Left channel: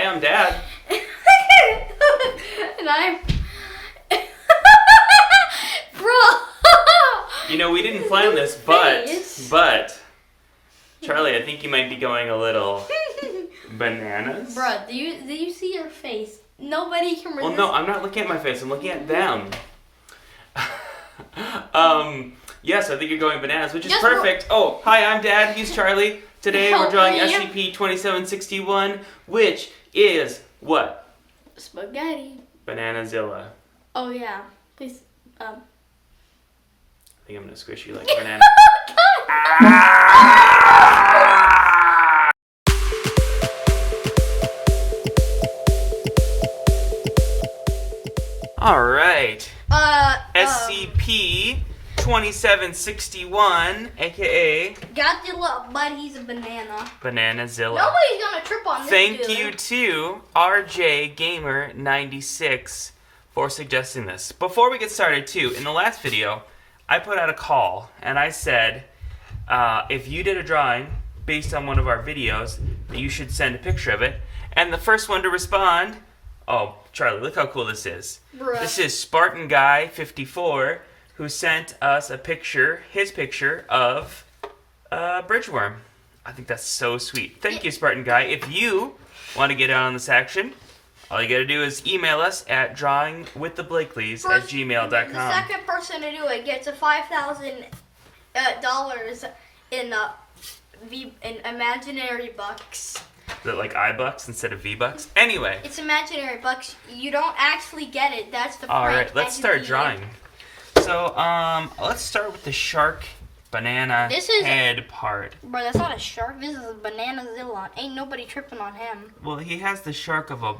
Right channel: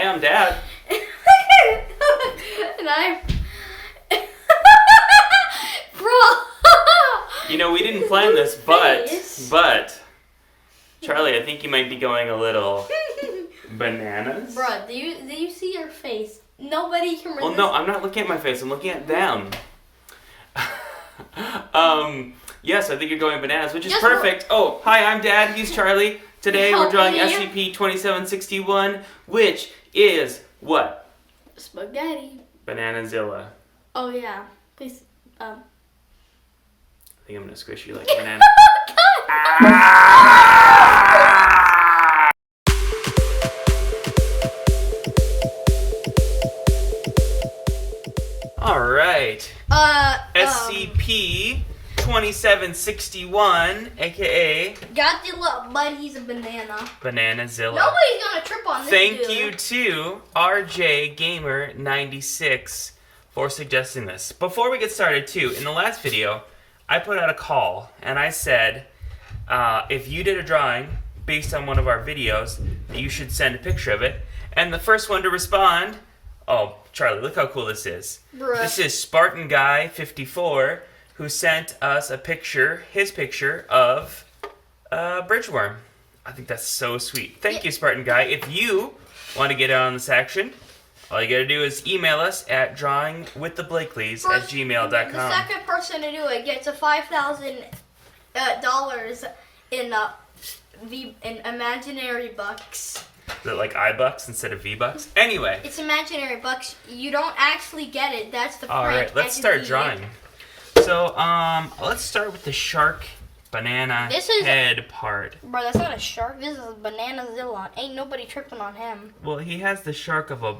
Hi, I'm Dad. And I'm... Bro! You know, we didn't plan this, but... Charlie, I think you might be going a little... bananas? Bro, do you see your face? Nobody can resist. Well, no, I'm not looking at my face. I'm looking at them. Yes, I think you're going bananas, which is perfect. Oh, hi, I'm Dad. He's Charlie. Today we're drawing SCP-2761, which is what? Spaghetti. Bananazilla. Oh, yeah. Please, I think I'm gonna squish you like a banana. All right. SCP-2761, aka Godzilla, but he's a banana. Bananazilla. Nobody's gonna trip on this. Thank you to RJ Gamer 96 for suggesting this. Before we get started, too, in the last video, I put out a call and I said, if you did a drawing based on one of our videos, that you should send a picture of it. And the first one to respond, oh, Charlie, look how cool this is. Bruh. This is Spartan Guy 54, who sent us a picture, his picture of Bridgeworm. I think that's so sweet. Thank you, Spartan Guy. If you want to get in on this action, all you gotta do is email us at drawingwiththeblakelys@gmail.com. The second person to do it gets a $5,000 in imaginary bucks. Is it like iBucks instead of V-Bucks? Anyway. It's imaginary bucks. You don't actually get it. That's the point. All right, let's start drawing. So, let's start with the shark banana head part. Bro, that's not a shark. This is Bananazilla. Ain't nobody tripping on him. Well, he has the shark of a...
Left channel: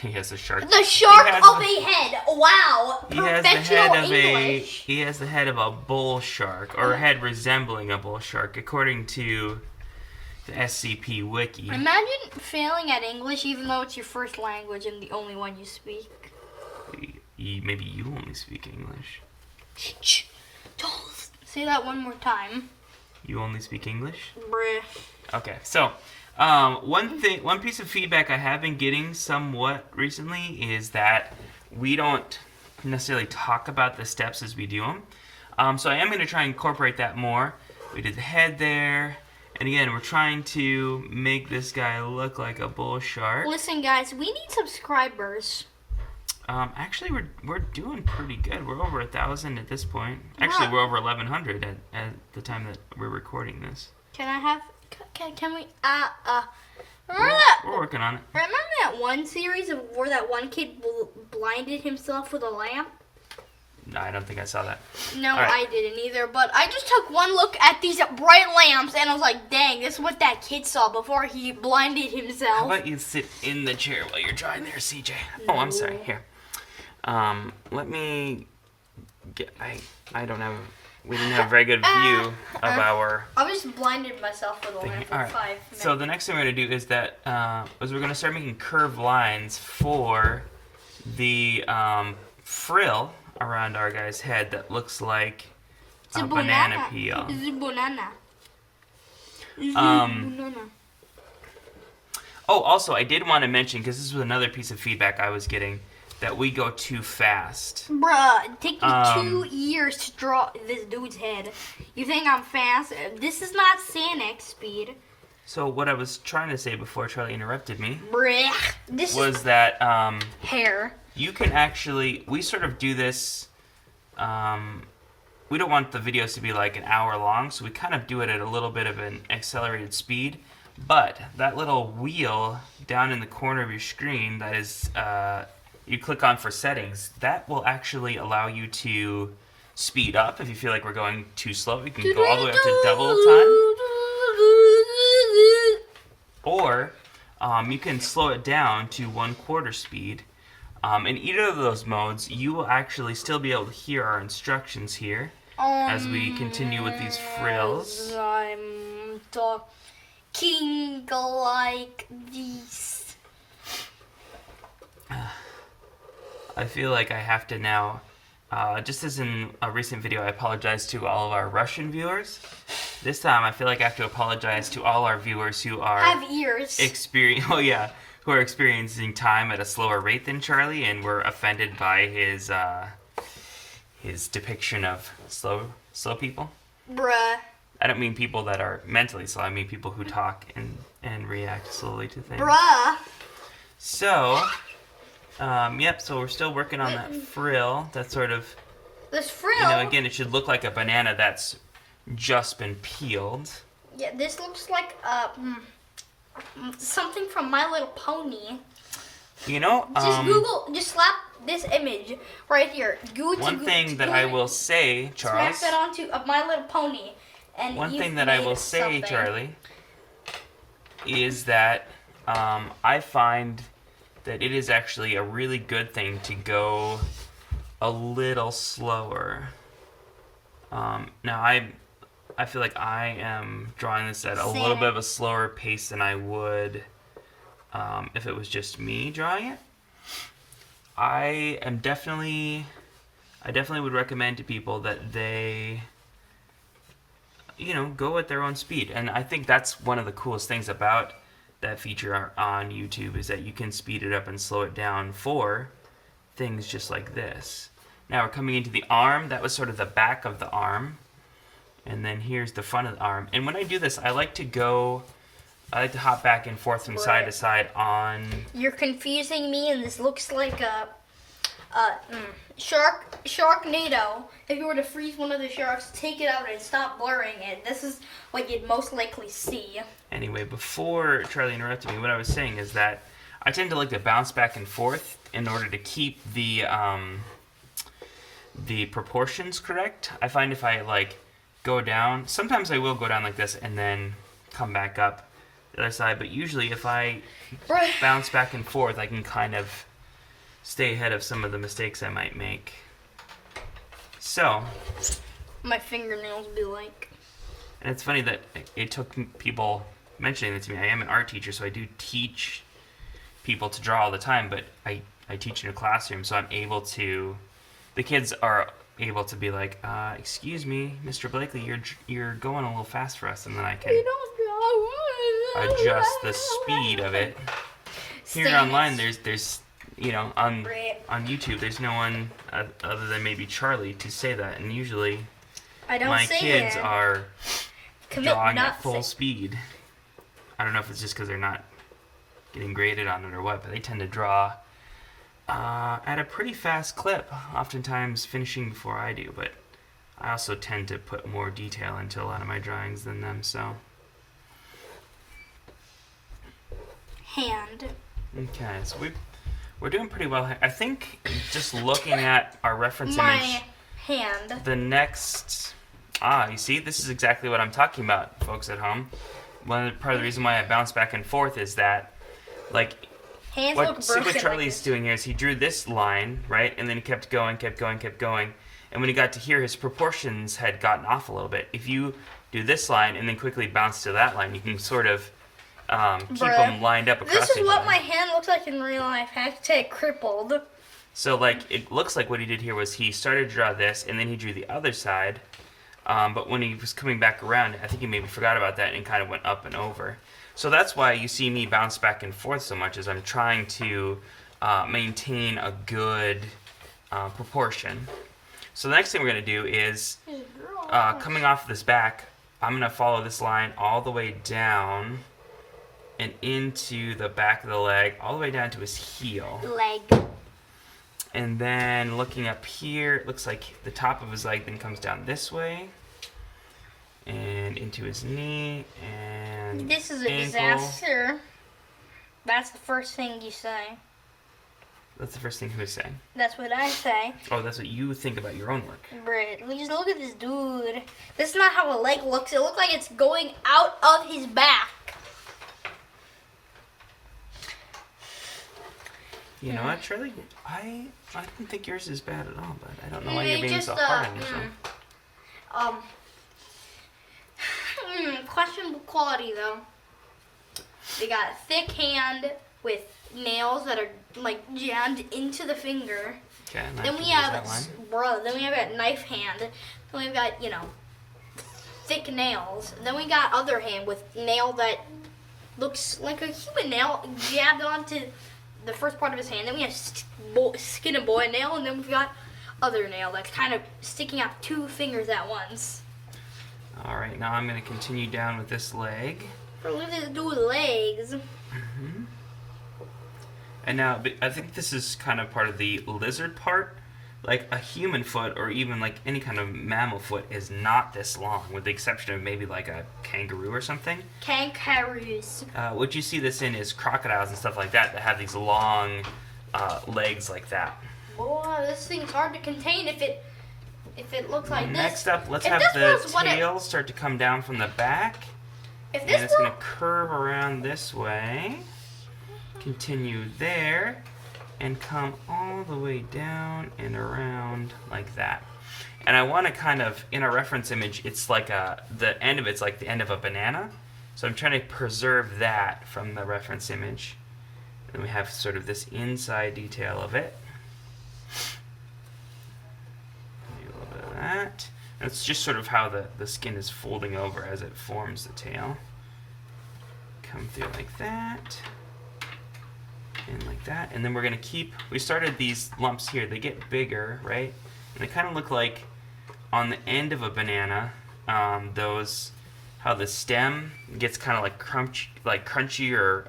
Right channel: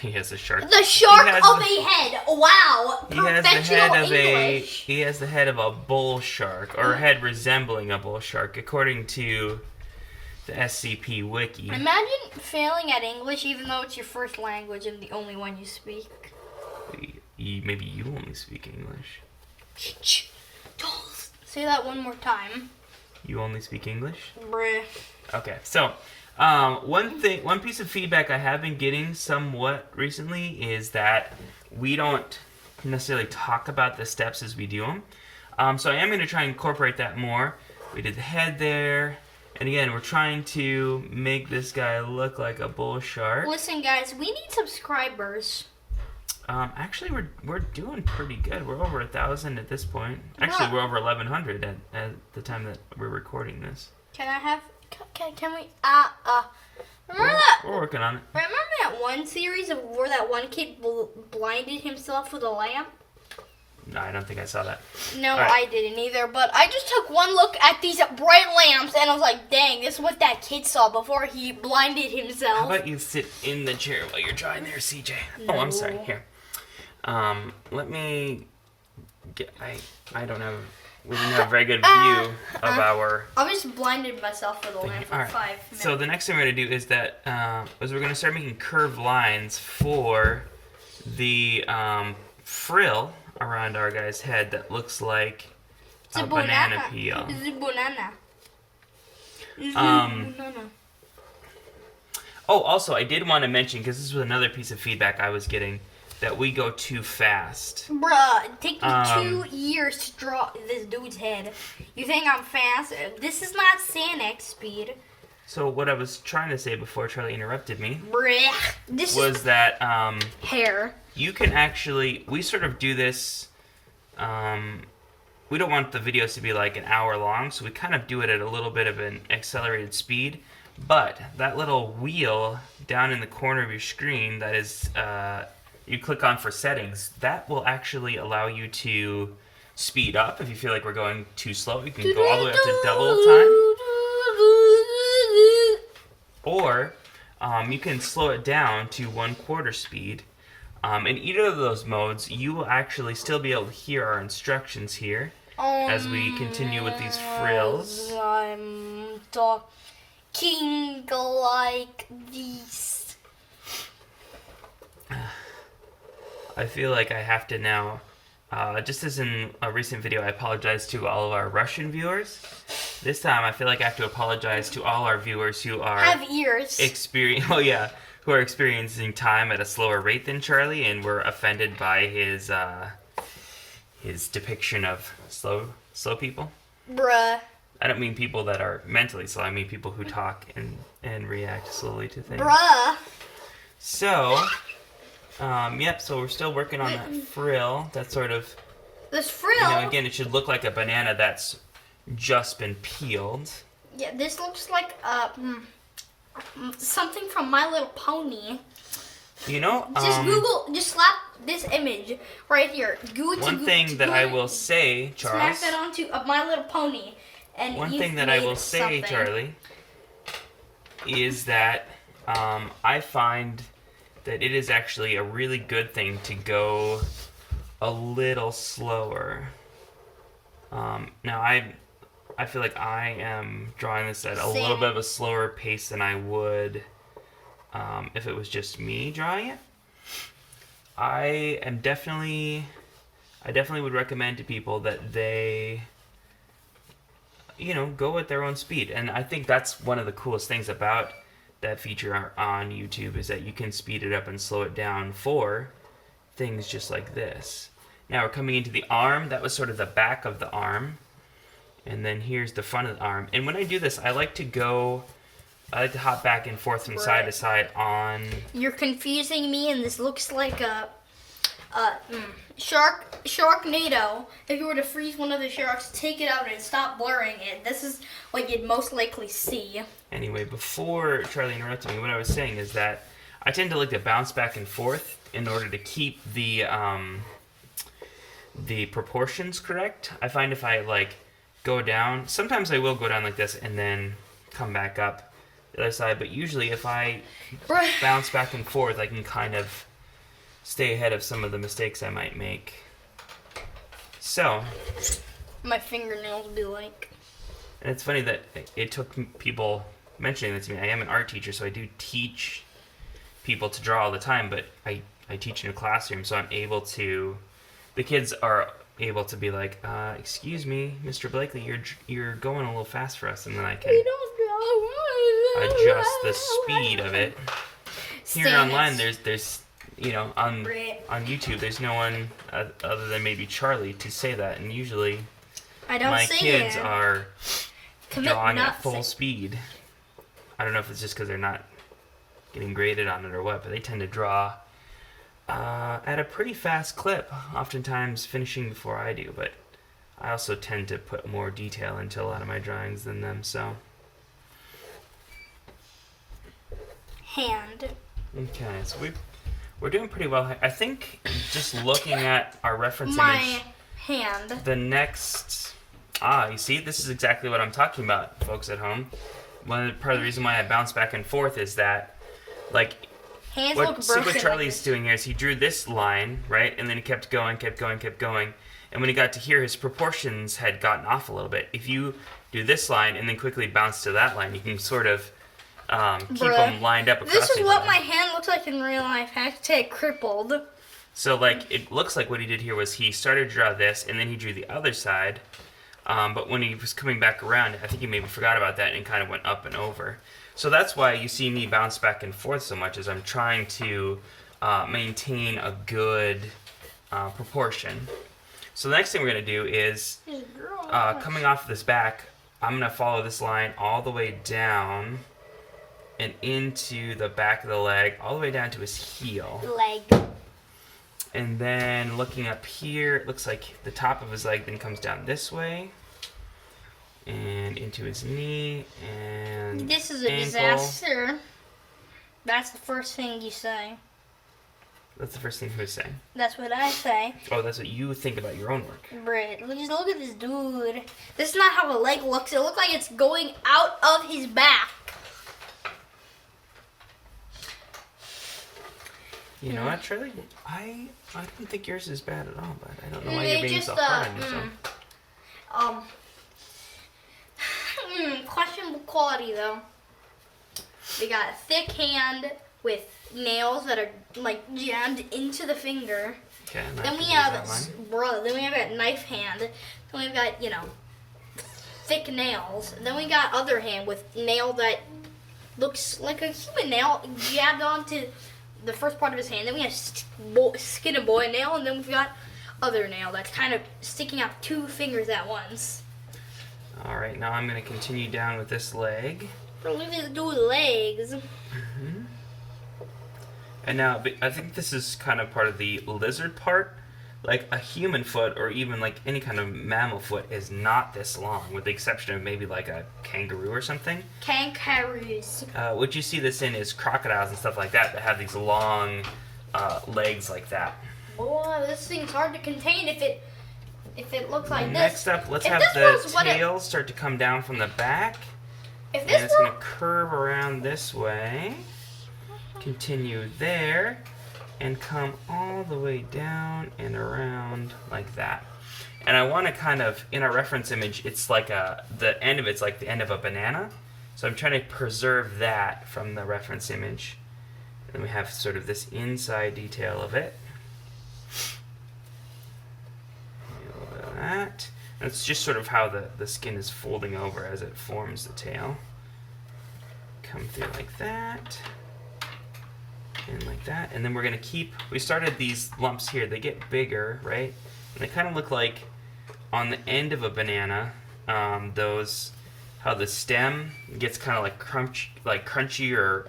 he has a shark. The shark of a head. Wow. Professional English. He has the head of a bull shark, or a head resembling a bull shark, according to the SCP Wiki. Imagine failing at English even though it's your first language and the only one you speak. Maybe you only speak English. Shh. Don't say that one more time. You only speak English? Bruh. Okay, so one piece of feedback I have been getting somewhat recently is that we don't necessarily talk about the steps as we do them. So I am going to try and incorporate that more. We did the head there. And again, we're trying to make this guy look like a bull shark. Listen, guys, we need subscribers. Actually, we're doing pretty good. We're over 1,000 at this point. Actually, we're over 1,100 at the time that we're recording this. Can I have? Can we? Remember that? We're working on it. Remember that one series of where that one kid blinded himself with a lamp? No, I don't think I saw that. No, I didn't either. But I just took one look at these bright lamps, and I was like, dang, this is what that kid saw before he blinded himself. How about you sit in the chair while you're drawing there, CJ? No. Oh, I'm sorry. Here. Let me get... I don't have... We didn't have a very good view of our... I just blinded myself with a lamp for 5 minutes. So the next thing we're going to do is that... we're going to start making curved lines for the frill around our guy's head that looks like a banana peel. It's a banana. Oh, also, I did want to mention, because this was another piece of feedback I was getting, that we go too fast. Bruh, it takes me 2 years to draw this dude's head. You think I'm fast? This is not Sanic speed. So what I was trying to say before Charlie interrupted me was that hair. You can actually, we sort of do this, we don't want the videos to be like an hour long, so we kind of do it at a little bit of an accelerated speed. But that little wheel down in the corner of your screen that is, you click on for settings, that will actually allow you to speed up if you feel like we're going too slow. You can go all the way up to double time. Or you can slow it down to 1/4 speed. In either of those modes, you will actually still be able to hear our instructions here as we continue with these frills. I'm talking like this. I feel like I have to now, just as in a recent video, I apologize to all of our Russian viewers. This time, I feel like I have to apologize to all our viewers who are have ears. Oh yeah, who are experiencing time at a slower rate than Charlie and were offended by his depiction of slow people. Bruh. I don't mean people that are mentally slow. I mean people who talk and react slowly to things. Bruh. So, yep. So we're still working on that frill. That sort of, this frill. again, it should look like a banana that's just been peeled. Yeah, this looks like something from My Little Pony. Just slap this image right here. One thing that I will say, Charles. Smack that onto My Little Pony. And one thing that I will say, Charlie, is that I find that it is actually a really good thing to go a little slower. Now, I feel like I am drawing this at a little bit of a slower pace than I would if it was just me drawing it. I definitely would recommend to people that they, go at their own speed. And I think that's one of the coolest things about that feature on YouTube is that you can speed it up and slow it down for things just like this. Now we're coming into the arm. That was sort of the back of the arm. And then here's the front of the arm. And when I do this, I like to hop back and forth from side to side on... You're confusing me, and this looks like a Sharknado. If you were to freeze one of the sharks, take it out and stop blurring it, this is what you'd most likely see. Anyway, before Charlie interrupted me, what I was saying is that I tend to like to bounce back and forth in order to keep the proportions correct. I find if I go down, sometimes I will go down like this and then come back up the other side, but usually if I bounce back and forth, I can kind of stay ahead of some of the mistakes I might make. So, my fingernails be like. And it's funny that it took people mentioning this to me. I am an art teacher, so I do teach people to draw all the time, but I teach in a classroom, so I'm able to, the kids are able to be like, excuse me, Mr. Blakely, you're going a little fast for us, and then I can adjust the speed of it. Here online, there's on YouTube, there's no one other than maybe Charlie to say that, and usually my kids are drawing at full speed. I don't know if it's just because they're not getting graded on it or what, but they tend to draw at a pretty fast clip, oftentimes finishing before I do, but I also tend to put more detail into a lot of my drawings than them, so. Hand. Okay, so we're doing pretty well. I think just looking at our reference image, hand. The next, you see, this is exactly what I'm talking about, folks at home. Part of the reason why I bounce back and forth is that, hands what Charlie's doing here is he drew this line, right, and then he kept going, and when he got to here, his proportions had gotten off a little bit. If you do this line and then quickly bounce to that line, you can sort of keep them lined up across. This is what my hand looks like in real life. Hashtag crippled. So, it looks like what he did here was he started to draw this, and then he drew the other side. But when he was coming back around, I think he maybe forgot about that and kind of went up and over. So that's why you see me bounce back and forth so much, is I'm trying to maintain a good proportion. So the next thing we're going to do is, coming off this back, I'm going to follow this line all the way down and into the back of the leg, all the way down to his heel. Leg. And then looking up here, it looks like the top of his leg then comes down this way and into his knee and this is a ankle. Disaster. That's the first thing you say. That's the first thing who's saying. That's what I say. Oh, that's what you think about your own work. Brit, just look at this dude. This is not how a leg looks. It looks like it's going out of his back. You know what, Charlie? I don't think yours is bad at all, but I don't know why you're being so hard on yourself. Questionable quality though. They got a thick hand with nails that are jammed into the finger. Okay, then we have a knife hand. Then we've got thick nails. Then we got other hand with nail that looks like a human nail jabbed onto the first part of his hand. Then we have skin and boy nail, and then we've got other nail that's kind of sticking out 2 fingers at once. All right, now I'm going to continue down with this leg. Look at these dude's legs. Mm-hmm. And now, I think this is kind of part of the lizard part. Like a human foot, or even like any kind of mammal foot, is not this long, with the exception of maybe like a kangaroo or something. Kangaroos. What you see this in is crocodiles and stuff like that have these long legs like that. Boy, this thing's hard to contain if it looks like this. Next up, let's have the tail start to come down from the back. If And this it's going to curve around this way, continue there, and come all the way down and around like that. And I want to kind of, in a reference image, it's like the end of it's like the end of a banana. So I'm trying to preserve that from the reference image. Then we have sort of this inside detail of it. Maybe a little bit of that. And it's just sort of how the skin is folding over as it forms the tail. Come through like that. And like that. And then we're going to keep, we started these lumps here. They get bigger, right? And they kind of look like on the end of a banana, how the stem gets kind of like crunchy or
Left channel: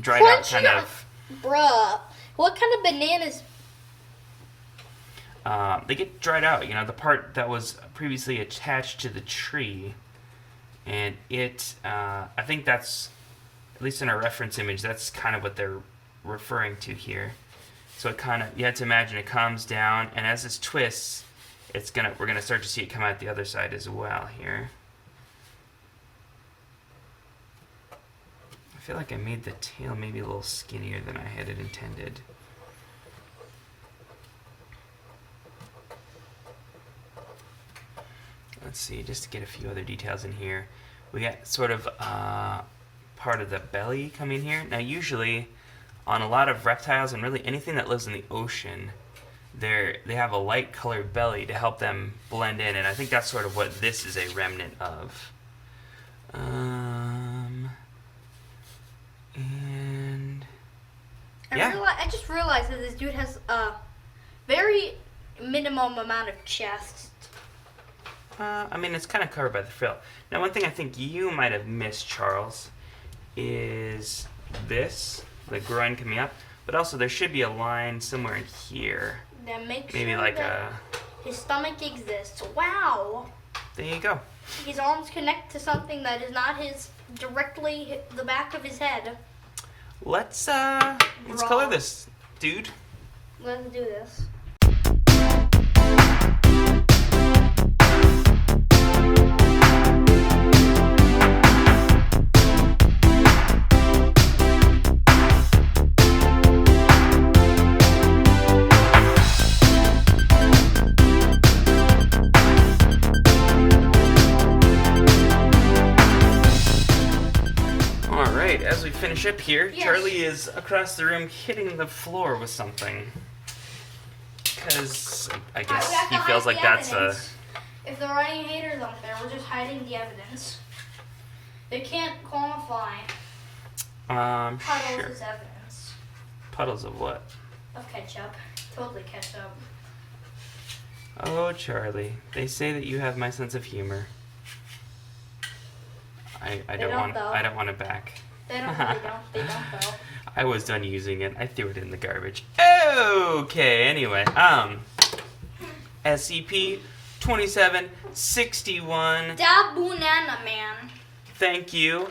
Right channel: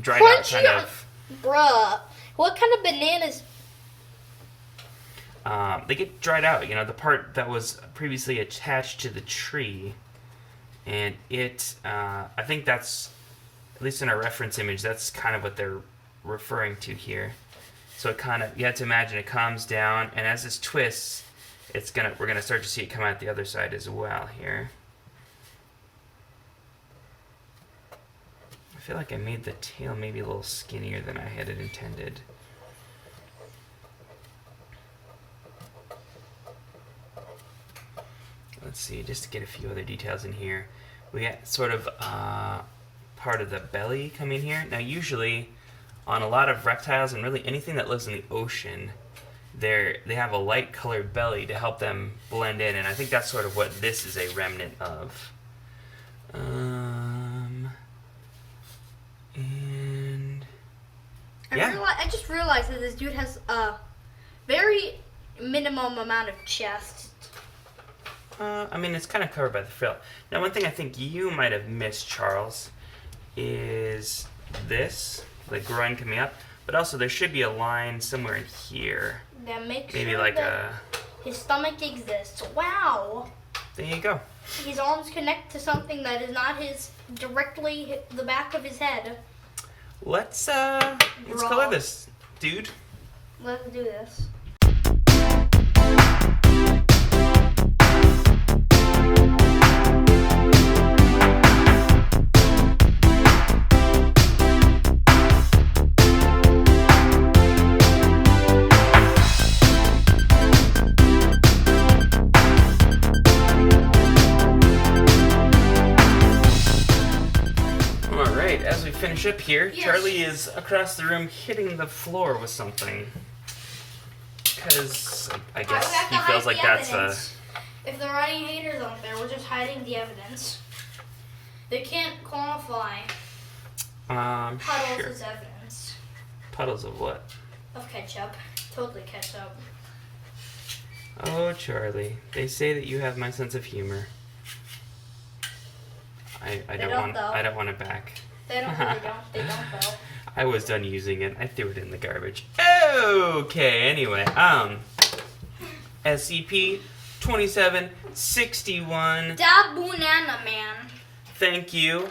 dried out kind of. Bruh, what kind of bananas? They get dried out, you know, the part that was previously attached to the tree. And I think that's, at least in our reference image, that's kind of what they're referring to here. So it kind of, you have to imagine it comes down, and as this twists, we're gonna start to see it come out the other side as well here. I feel like I made the tail maybe a little skinnier than I had it intended. Let's see, just to get a few other details in here. We got sort of part of the belly coming here. Now usually on a lot of reptiles and really anything that lives in the ocean, they have a light colored belly to help them blend in, and I think that's sort of what this is a remnant of. I just realized that this dude has a very minimum amount of chest. I mean, it's kind of covered by the frill. Now, one thing I think you might have missed, Charles, is this, the groin coming up, but also there should be a line somewhere in here. That makes maybe sure like that his stomach exists. Wow. There you go. His arms connect to something that is not directly the back of his head. Let's color this, dude. Let's do this. Finish up here. Yes. Charlie is across the room hitting the floor with something. Because I guess he feels like that's evidence. If there are any haters out there, we're just hiding the evidence. They can't quantify puddles as evidence. Puddles of what? Of ketchup. Totally ketchup. Oh, Charlie. They say that you have my sense of humor. I don't want it back. They don't though. I was done using it. I threw it in the garbage. Okay, anyway. SCP 2761. Da Banana Man. Thank you.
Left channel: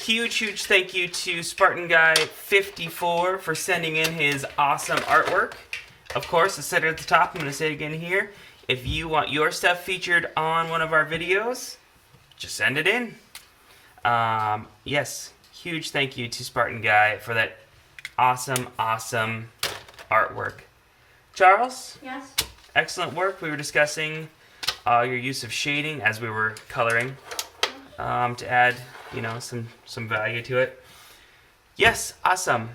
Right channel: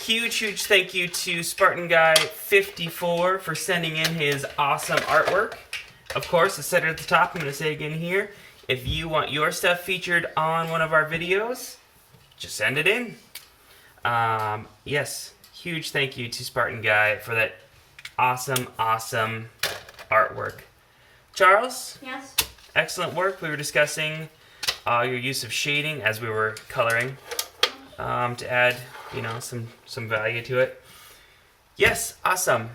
Huge thank you to Spartan Guy 54 for sending in his awesome artwork. Of course, I said it at the top. I'm going to say it again here. If you want your stuff featured on one of our videos, just send it in. Yes. Huge thank you to Spartan Guy for that awesome artwork. Charles? Yes? Excellent work. We were discussing your use of shading as we were coloring to add, some value to it. Yes, awesome.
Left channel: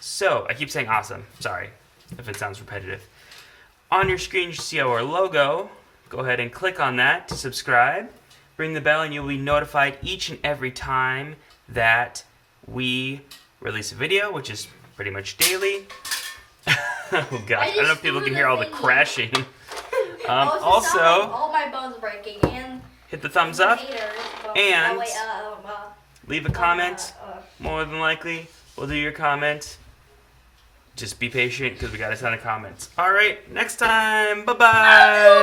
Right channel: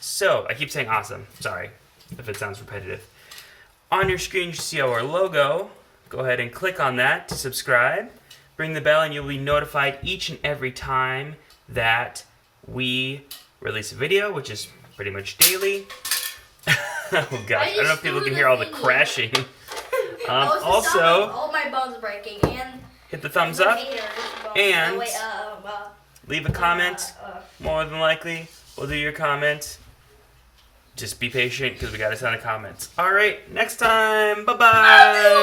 So, I keep saying awesome. Sorry if it sounds repetitive. On your screen, you see our logo. Go ahead and click on that to subscribe. Ring the bell and you'll be notified each and every time that we release a video, which is pretty much daily. Oh gosh, I don't know if people can hear all the crashing. Also, all my bones breaking and hit the thumbs up and leave a comment. More than likely, we'll do your comment. Just be patient because we got a ton of comments. All right, next time. Bye bye.